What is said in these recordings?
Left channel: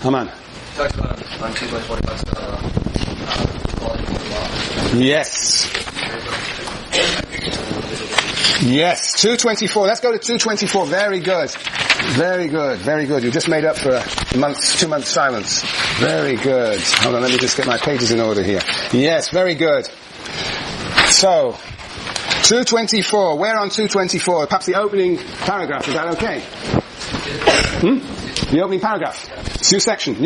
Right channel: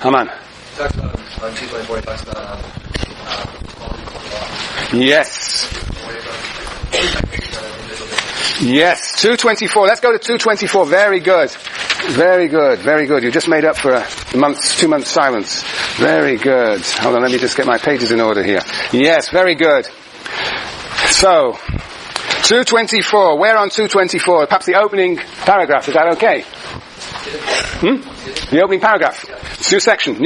Haman. Talks about on 224. It talks about Yes. Yes, 224. Let's go to 224. Very good. Very good. Very good. You just made up for a 2 months silence. Very good. Hold on, let me just get my pages in order here. Yes, very good. So, 224. Where on 224? Perhaps the opening paragraph. Is that okay? The opening paragraph. New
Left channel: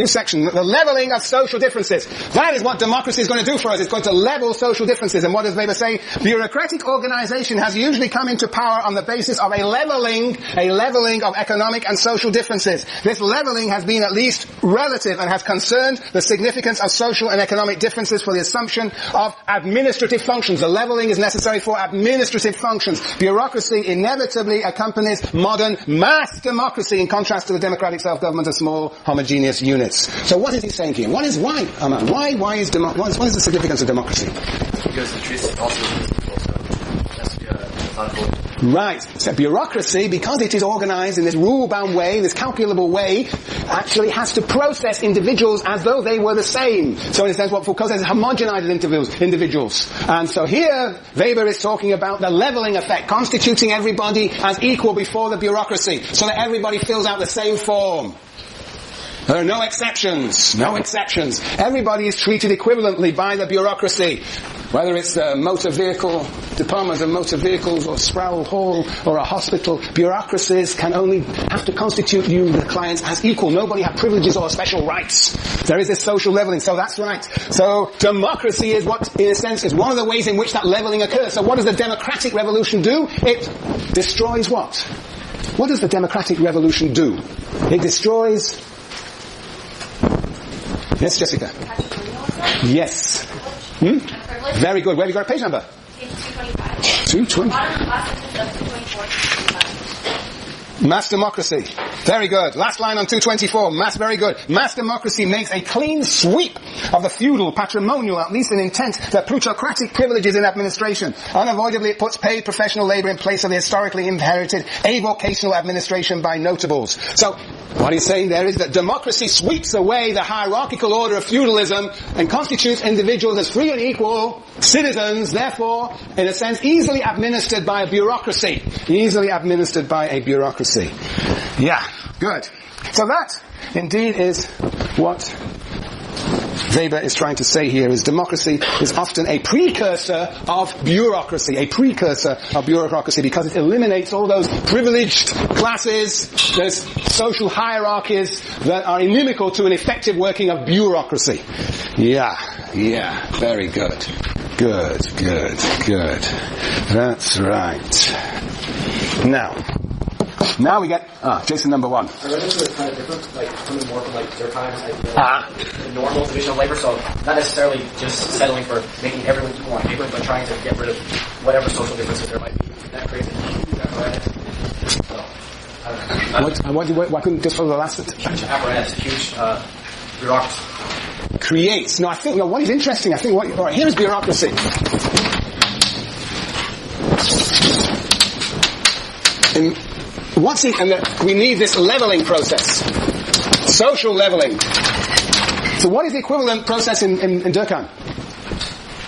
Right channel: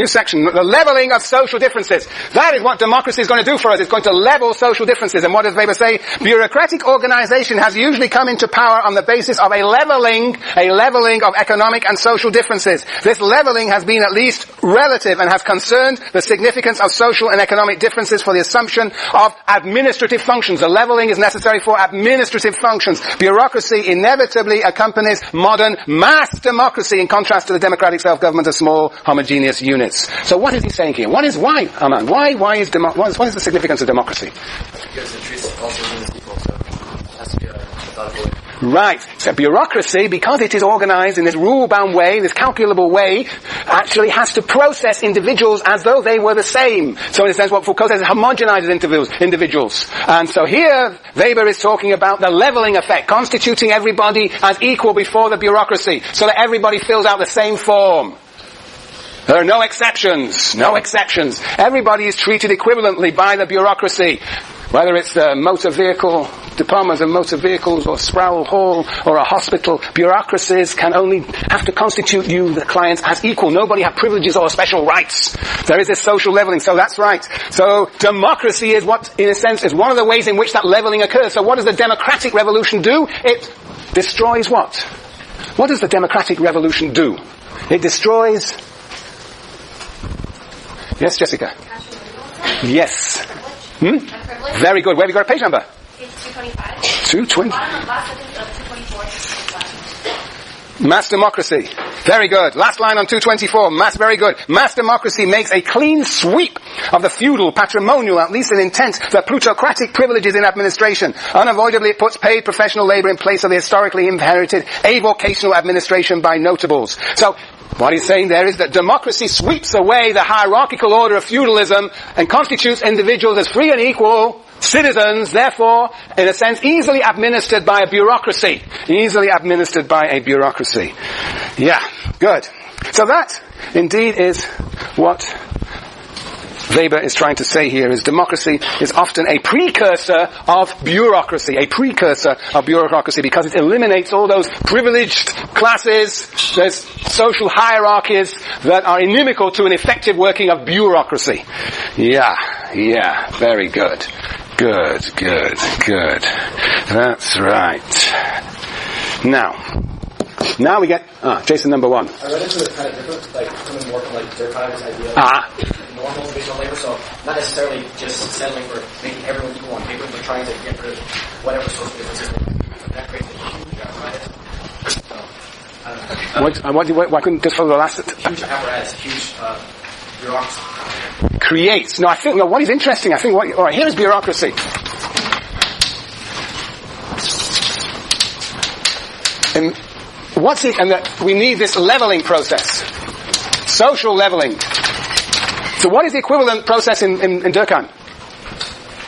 section. The leveling of social differences. That is what democracy is going to do for us. It's going to level social differences. And what does Weber say? Bureaucratic organization has usually come into power on the basis of a leveling of economic and social differences. This leveling has been at least relative and has concerned the significance of social and economic differences for the assumption of administrative functions. The leveling is necessary for administrative functions. Bureaucracy inevitably accompanies modern mass democracy in contrast to the democratic self-government of small, homogeneous units. So what is he saying here? Why is the significance of democracy? Because it treats also people, so it has to be methodical. Right. So bureaucracy, because it is organized in this rule-bound way, this calculable way, actually has to process individuals as though they were the same. So in a sense, what Foucault says is homogenizes individuals. And so here, Weber is talking about the leveling effect, constituting everybody as equal before the bureaucracy, so that everybody fills out the same form. There are no exceptions. No exceptions. Everybody is treated equivalently by the bureaucracy. Whether it's the motor vehicle, departments of motor vehicles, or Sproul Hall, or a hospital, bureaucracies can only have to constitute you, the client, as equal. Nobody has privileges or special rights. There is this social leveling, so that's right. So democracy is what, in a sense, is one of the ways in which that leveling occurs. So what does the democratic revolution do? It destroys what? What does the democratic revolution do? It destroys... Yes, Jessica? Yes. Very good. Where have you got a page number? It's 225. 220. Last sentence of 224. Mass democracy. Very good. Last line on 224. Very good. Mass democracy makes a clean sweep of the feudal, patrimonial, at least in intent, the plutocratic privileges in administration. Unavoidably, it puts paid professional labor in place of the historically inherited avocational administration by notables. So, what he's saying there is that democracy sweeps away the hierarchical order of feudalism and constitutes individuals as free and equal citizens, therefore, in a sense, easily administered by a bureaucracy. Easily administered by a bureaucracy. Yeah, good. So that, indeed, is what Weber is trying to say here, is democracy is often a precursor of bureaucracy, because it eliminates all those privileged classes, those social hierarchies that are inimical to an effective working of bureaucracy. Yeah, very good. Good. That's right. Now we get, Jason number 1. I read into it kind of different, coming more from their kind of this idea of normal division of labor, so not necessarily just settling for making everyone equal on paper, but trying to get rid of whatever social differences there might be. That creates a huge apparatus. So, I don't know. Why couldn't just follow the last? Huge apparatus, huge bureaucracy. Creates. No, what is interesting, alright, here is bureaucracy. And we need this leveling process. Social leveling. So what is the equivalent process in Durkheim?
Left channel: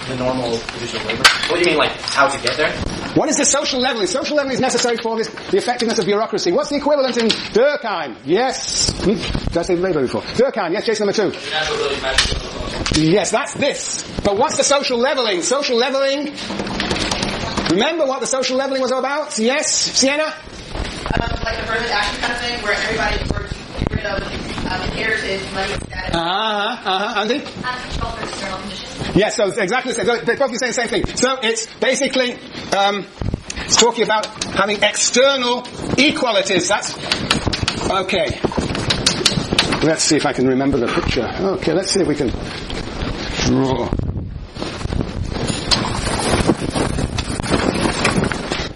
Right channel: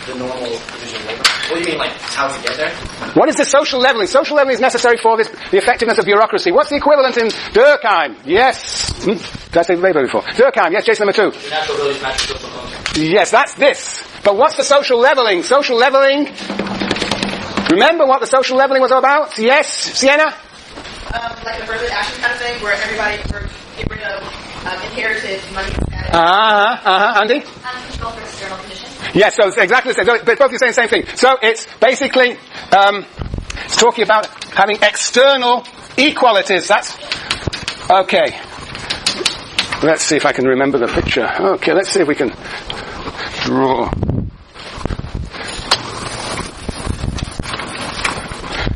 The normal division of labor. What do you mean, how to get there? What is the social leveling? Social leveling is necessary for the effectiveness of bureaucracy. What's the equivalent in Durkheim? Yes. Did I say Weber before? Durkheim, yes, Jason number 2. Yes, that's this. But what's the social leveling? Social leveling... Remember what the social leveling was all about? Yes, Sienna? Like affirmative action kind of thing, where everybody get rid of inherited money status. Andy? Control for external conditions. Yes, so it's exactly the same. So both of you saying the same thing. So it's basically, it's talking about having external equalities. That's, okay. Let's see if I can remember the picture. Okay, let's see if we can draw.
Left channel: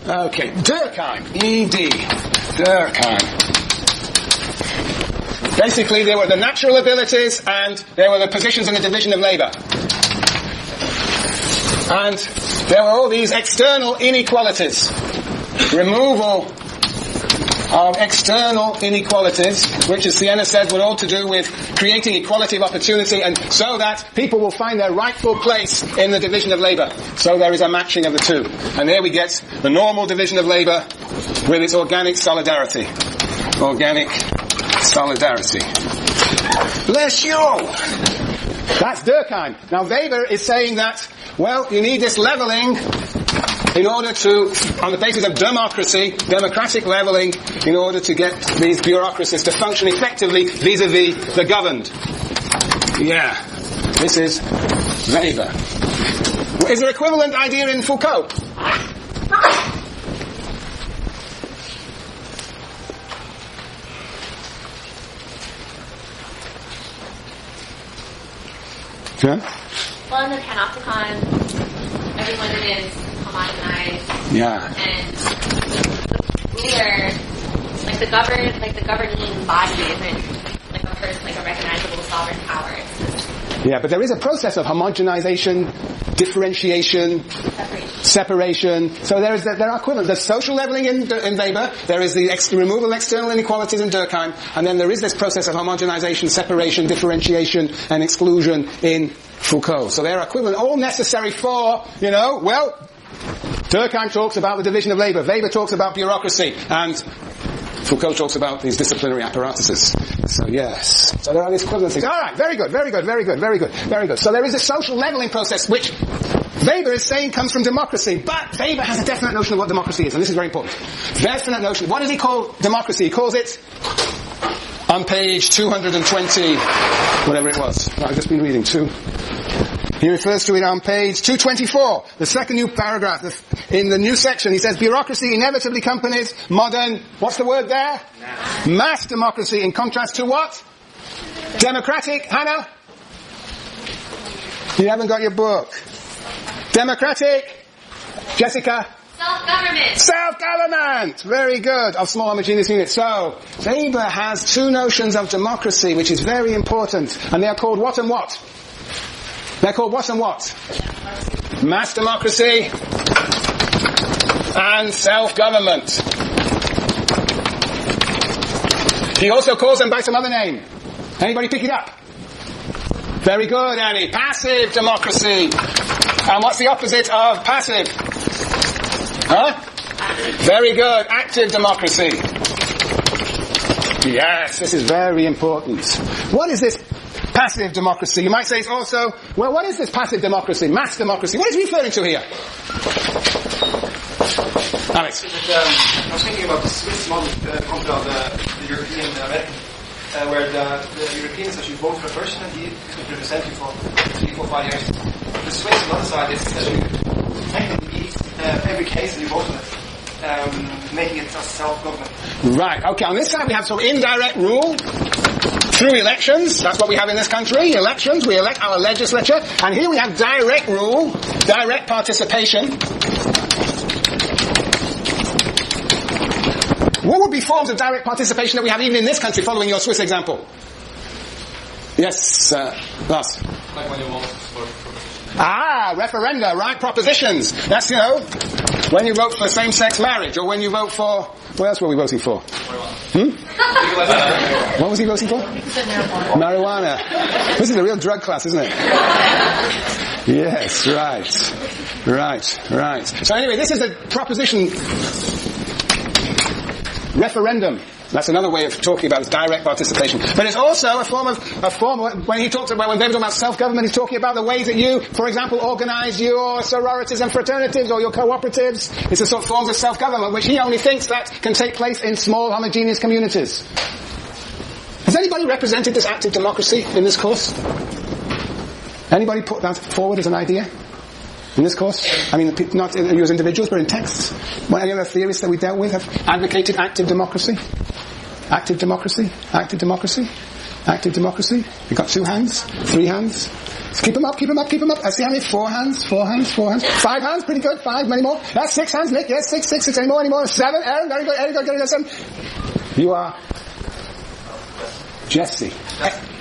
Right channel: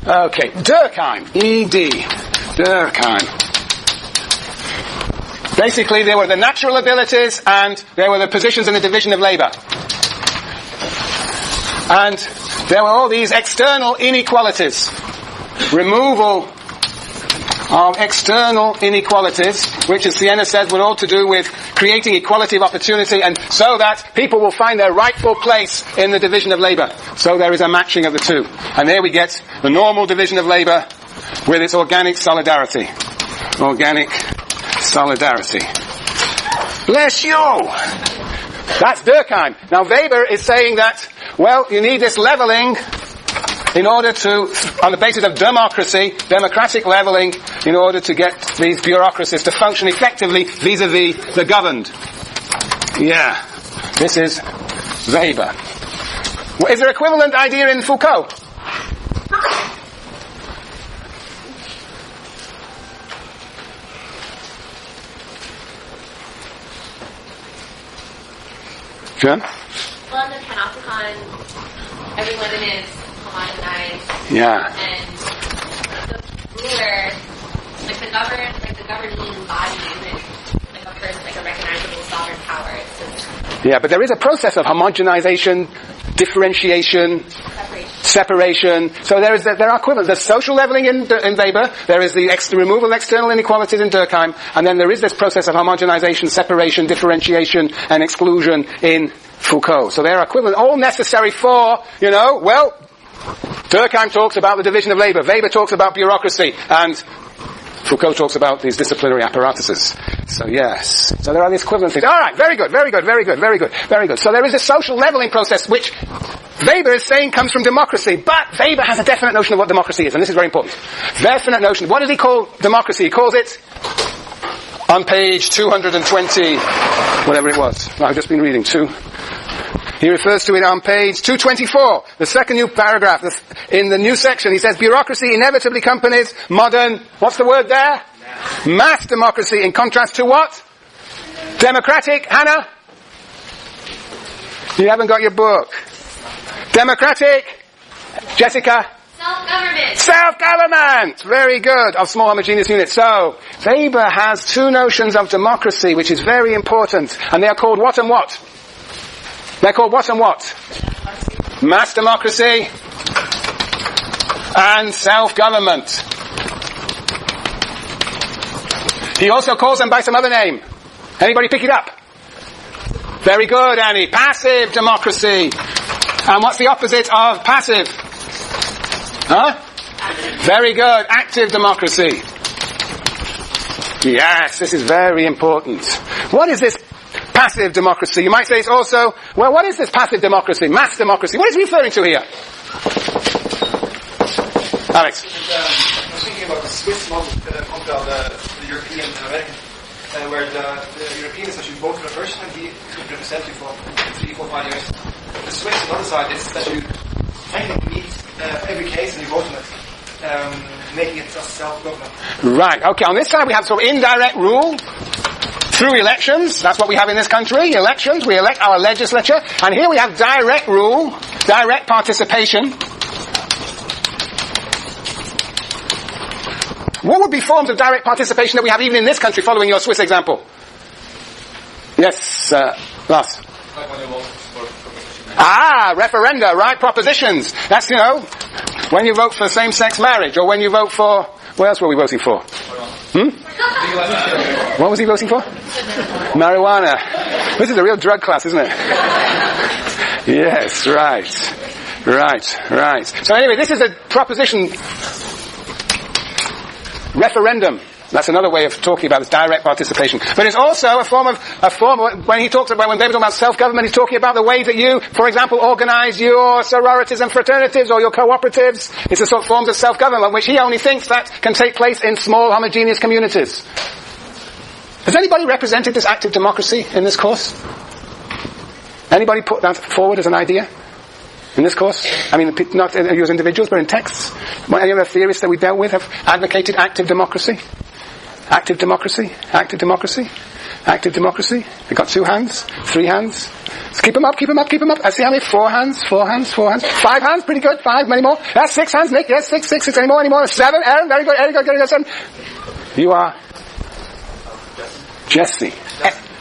Okay, Durkheim, E.D., Durkheim. Basically, there were the natural abilities and there were the positions in the division of labor. And there were all these external inequalities. Removal of external inequalities, which, as Sienna says, were all to do with creating equality of opportunity, and so that people will find their rightful place in the division of labour. So there is a matching of the two. And there we get the normal division of labour with its organic solidarity. Organic solidarity. Bless you! That's Durkheim. Now Weber is saying that, well, you need this levelling in order to, on the basis of democracy, democratic levelling, in order to get these bureaucracies to function effectively vis-à-vis the governed. Yeah. This is Weber. Is there equivalent idea in Foucault? Sure? Well, in the Panopticon, everyone is homogenized. Yeah. And the ruler, the governing body isn't like a person, like a recognizable sovereign power. It's just Yeah, but there is a process of homogenization, differentiation, separation. So there are equivalents. There's social leveling in Weber. There is the removal of external inequalities in Durkheim. And then there is this process of homogenization, separation, differentiation, and exclusion in Foucault. So they're equivalent, all necessary for, Durkheim talks about the division of labour. Weber talks about bureaucracy. And Foucault talks about these disciplinary apparatuses. So yes. So there are these equivalencies. All right, very good, very good, very good, very good, very good. So there is a social leveling process which Weber is saying comes from democracy. But Weber has a definite notion of what democracy is, and this is very important. Definite notion. What does he call democracy? He calls it, on page 220, whatever it was. I've just been reading, he refers to it on page 224, the second new paragraph. In the new section, he says, bureaucracy inevitably accompanies modern, what's the word there? Mass democracy, in contrast to what? Democratic, Hannah? You haven't got your book. Democratic? Jessica? self-government. Self-government! Very good. Of small homogeneous units. So, Weber has two notions of democracy, which is very important. And they are called what and what? They're called what and what? Mass democracy and self-government. He also calls them by some other name. Anybody pick it up? Very good, Annie. Passive democracy. And what's the opposite of passive? Huh? Very good. Active democracy. Yes, this is very important. What is this passive democracy? You might say it's also, well, what is this passive democracy? Mass democracy. What is he referring to here? Alex. I was thinking about the Swiss model compared the European and American, where the European is actually vote for a person and he could represent you for 3, 4, 5 years. The Swiss on the other side is that you technically meet every case and you vote on it, making it just self-government. Right, okay. On this side we have sort of indirect rule through elections. That's what we have in this country. Elections. We elect our legislature. And here we have direct rule, direct participation. What would be forms of direct participation that we have even in this country, following your Swiss example? Yes, Lars. Like when you vote for propositions. Referenda, right? Propositions. That's, when you vote for same-sex marriage, or when you vote for, what else were we voting for? What was he voting for? Marijuana. This is a real drug class, isn't it? Yes, right. So anyway, this is a proposition referendum. That's another way of talking about this direct participation. But it's also a form when he talks about, when Weber talks about self-government, he's talking about the ways that you, for example, organize your sororities and fraternities or your cooperatives. It's the sort of forms of self-government which he only thinks that can take place in small homogeneous communities. Has anybody represented this active democracy in this course? Anybody put that forward as an idea? In this course? I mean, not you as individuals, but in texts? Any other theorists that we dealt with have advocated active democracy? Active democracy? Active democracy? Active democracy? You've got 2 hands? 3 hands? Keep them up. I see how many? 4 hands? 5 hands? Pretty good. 5, many more? That's 6 hands, Nick. Yes, 6. Any more? 7? Aaron? Very good. 7. You are? Jesse.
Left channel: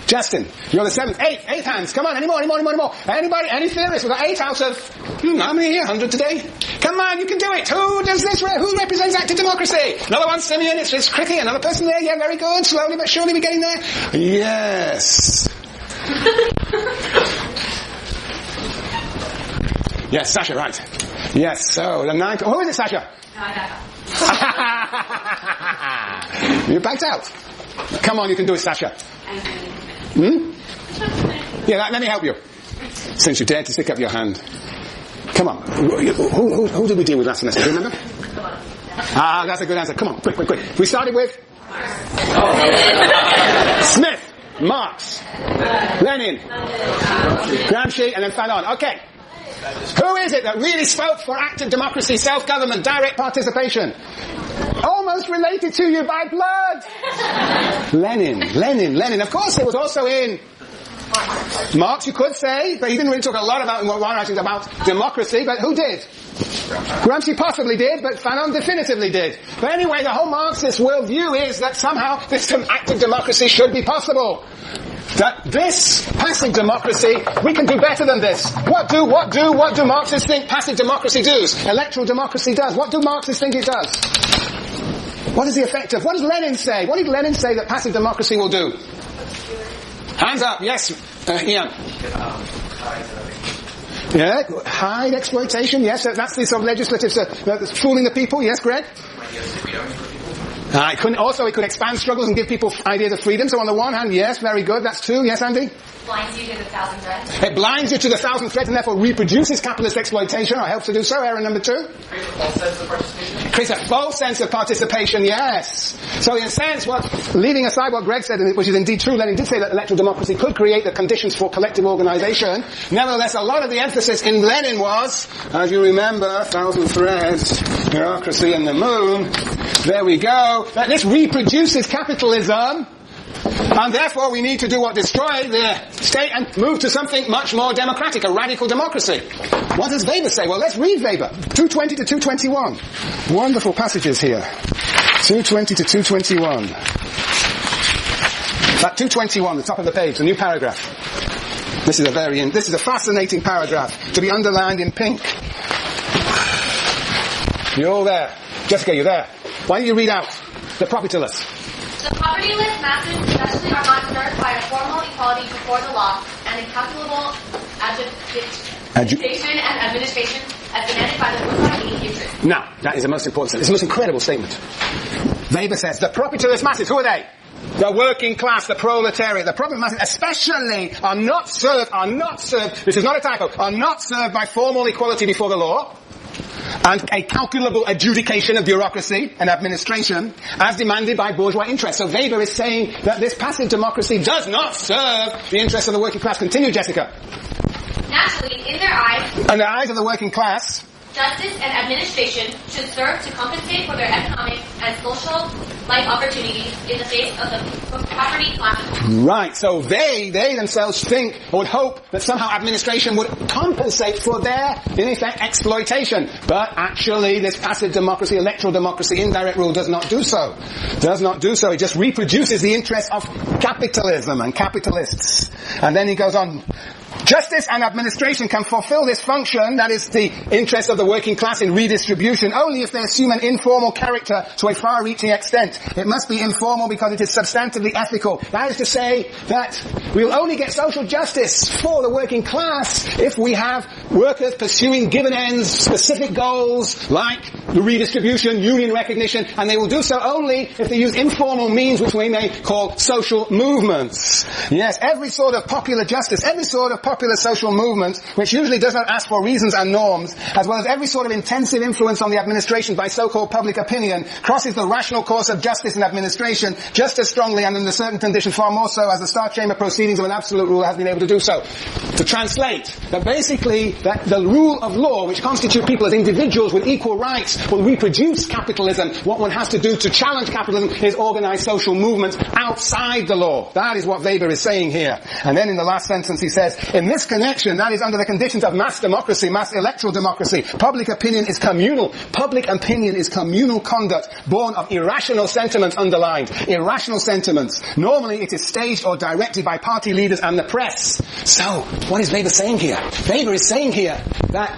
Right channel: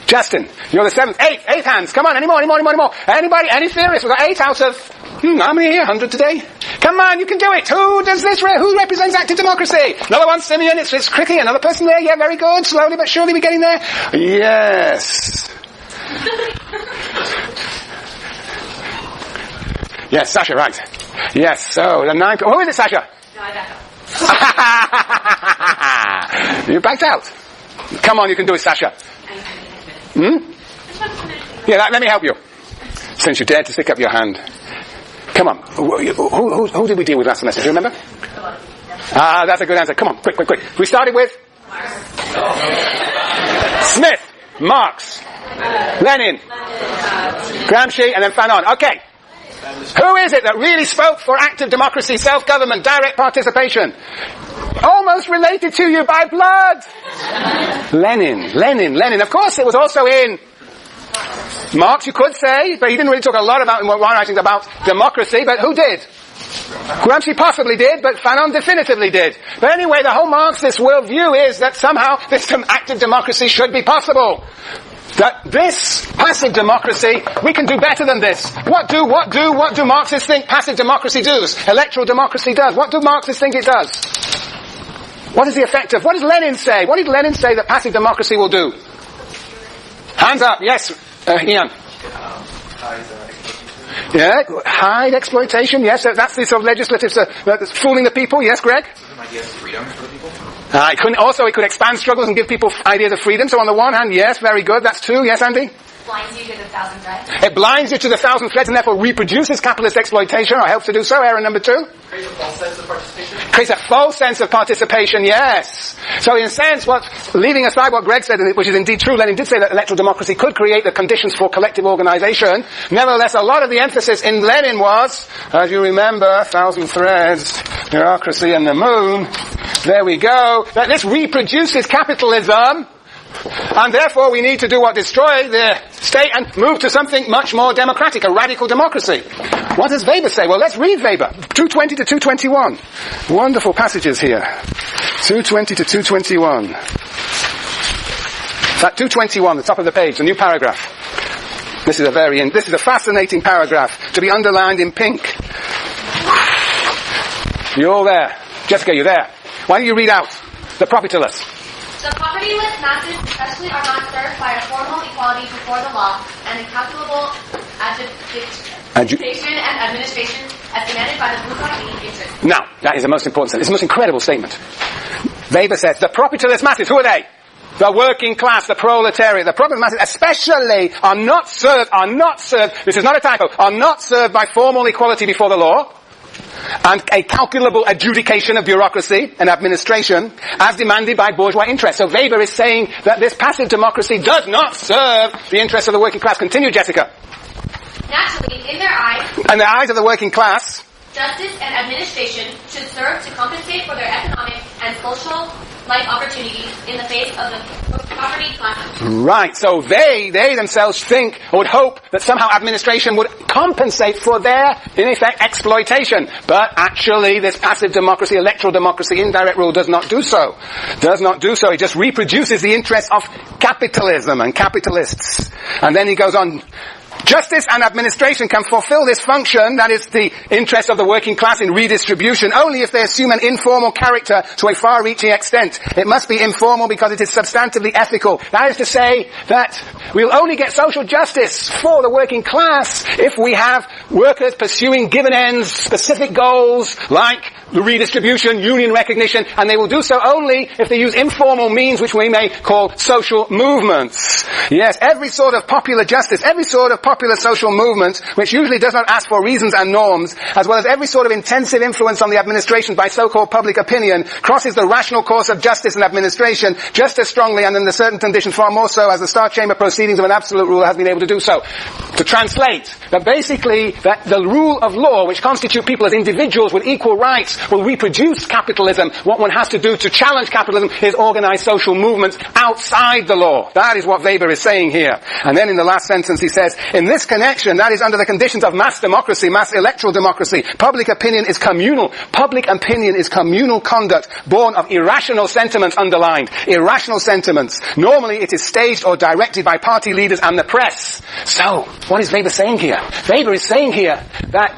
Justin, you're the 7th. 8 hands. Come on, any more? Anybody? Any theorists? We've got 8 out of, how many here? 100 today? Come on, you can do it. Who does this? Who represents active democracy? Another one, Simeon. It's Cricky. Another person there. Yeah, very good. Slowly but surely we're getting there. Yes. Yes, Sasha, right. Yes, so the 9... Who is it, Sasha? No, I got You backed out. Come on, you can do it, Sasha. Yeah, let me help you. Since you dared to stick up your hand. Come on. Who did we deal with last semester? Do you remember? That's a good answer. Come on, quick. We started with? Smith, Marx, Lenin, Gramsci, and then Fanon. Okay. Who is it that really spoke for active democracy, self-government, direct participation? Almost related to you by blood. Lenin. Of course, it was also in Marx, you could say, but he didn't really talk a lot about in one writings about democracy, but who did? Gramsci possibly did, but Fanon definitively did. But anyway, the whole Marxist worldview is that somehow this active democracy should be possible. That this passive democracy, we can do better than this. What do Marxists think passive democracy does? Electoral democracy does. What do Marxists think it does? What is the effect of? What does Lenin say? What did Lenin say that passive democracy will do? Hands up, yes, Ian. Yeah, hide exploitation, yes, that's the sort of legislative, that's fooling the people, yes, Greg? Ideas of freedom for people. It could expand struggles and give people ideas of freedom, so on the one hand, yes, very good, that's two, yes, Andy? blinds you to the 1,000 threads. It blinds you to the 1,000 threads and therefore reproduces capitalist exploitation, or helps to do so. Error number 2. Creates a false sense of participation. Creates a false sense of participation, yes. So in a sense, leaving aside what Greg said, which is indeed true, Lenin did say that electoral democracy could create the conditions for collective organization. Nevertheless, a lot of the emphasis in Lenin was, as you remember, 1,000 threads, bureaucracy and the moon. There we go. That this reproduces capitalism. And therefore we need to do what? Destroy the state and move to something much more democratic, a radical democracy. What does Weber say? Well, let's read Weber. 220 to 221. Wonderful passages here. 220 to 221. That 221, the top of the page, the new paragraph. This is a fascinating paragraph to be underlined in pink. You're all there. Jessica, you're there. Why don't you read out the propertyless? The propertyless masses especially are not served by a formal equality before the law and incalculable adjudication and administration as demanded by the bourgeois interest. Now, that is the most important. It's the most incredible statement. Weber says, the propertyless masses, who are they? The working class, the proletariat, the propertyless masses especially are not served, this is not a typo, are not served by formal equality before the law, and a calculable adjudication of bureaucracy and administration as demanded by bourgeois interests. So Weber is saying that this passive democracy does not serve the interests of the working class. Continue, Jessica. Naturally, in their eyes, in the eyes of the working class, justice and administration should serve to compensate for their economic and social life opportunities in the face of the poverty classes. Right, so they themselves think, or would hope, that somehow administration would compensate for their, in effect, exploitation. But actually, this passive democracy, electoral democracy, indirect rule does not do so. It just reproduces the interests of capitalism and capitalists. And then he goes on, justice and administration can fulfill this function, that is the interest of the working class in redistribution, only if they assume an informal character to a far-reaching extent. It must be informal because it is substantively ethical. That is to say that we'll only get social justice for the working class if we have workers pursuing given ends, specific goals, like the redistribution, union recognition, and they will do so only if they use informal means which we may call social movements. Yes, every sort of popular justice, every sort of popular social movement, which usually does not ask for reasons and norms, as well as every sort of intensive influence on the administration by so-called public opinion, crosses the rational course of justice and administration just as strongly and under certain conditions far more so as the Star Chamber proceedings of an absolute rule has been able to do so. To translate, that basically that the rule of law, which constitute people as individuals with equal rights, will reproduce capitalism. What one has to do to challenge capitalism is organize social movements outside the law. That is what Weber is saying here. And then in the last sentence he says, in this connection, that is under the conditions of mass democracy, mass electoral democracy, public opinion is communal. Public opinion is communal conduct born of irrational sentiments underlined. Irrational sentiments. Normally it is staged or directed by party leaders and the press. So, what is Weber saying here? Weber is saying here that